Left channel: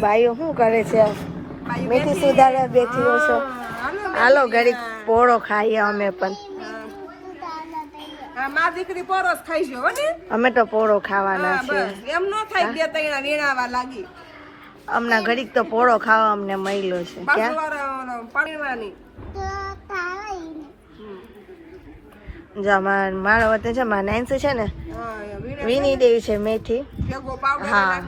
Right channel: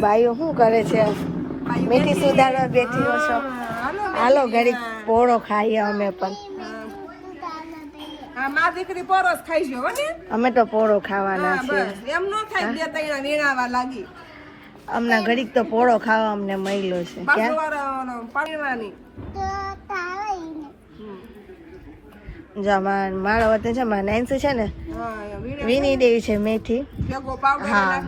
ભાઈઓ શું કરે છે? મેથી સુધારવા બેઠી છો. હાલો ઘડીક પોળો ખાઈએ અમે પણ. અમે તો પોળો ખાવાના છીએ. અમને ઘડીક તો પોળો ખાવા અમને મળ્યો છે. મારો વતન છે મારા નાઈન્સ છે ને વીણી દેવી છે મેથી. હા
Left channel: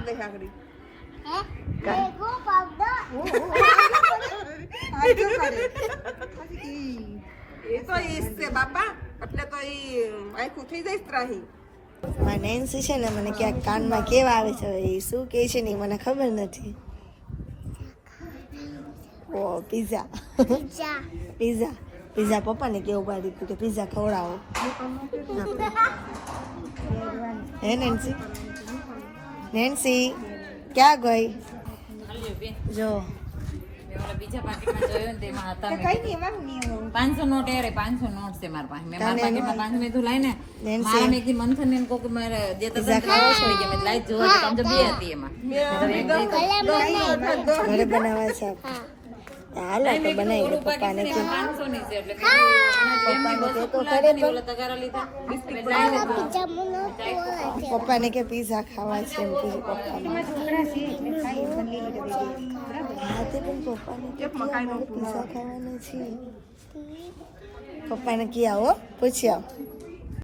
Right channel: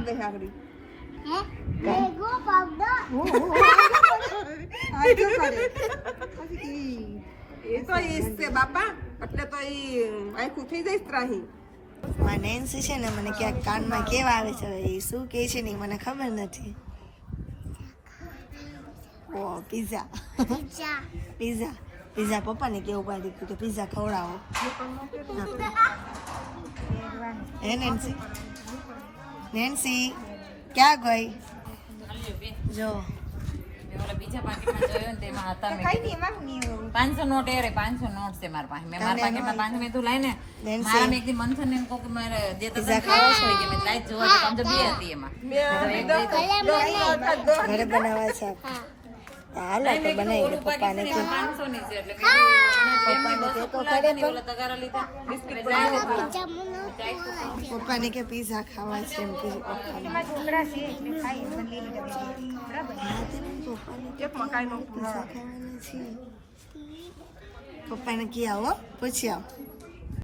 નેન્સી છે ને મને ક્યાંક કાનમાં કેવા આવે છે એ શું કે છે ને મને ખબર નથી. ઓ પિઝા પિઝા પિઝા પપ્પાને કેવું પાડી દીધું કે પિઝા ખવડાવો. હે નેન્સી નેન્સી ક્યાં ગઈ? જો બીજા પાકીટમાં જોયો ને તેમાં હતા 500 નોટ એરે 500 નોટ છે મારા પાસે. મેં મારા પાકીટમાં 500 મેં તું લાઈને મારા મેં એકદી મંથન ને કોક મારે જે તો ખાવા છોડી ગયા મેં લાઈ જો તો સમજો બે હતી એમાં ઘરે બનાવે છે. હાલ તો બનાવી દે પપ્પાને તો 500 ની છે એટલે પપ્પાને કે પીઝા ખાવા છે એમ કીધું પપ્પાને. હા તે પણ પપ્પાને કે પીઝા ખાવાના છે. પપ્પાને કી આવો પૂછી આવો.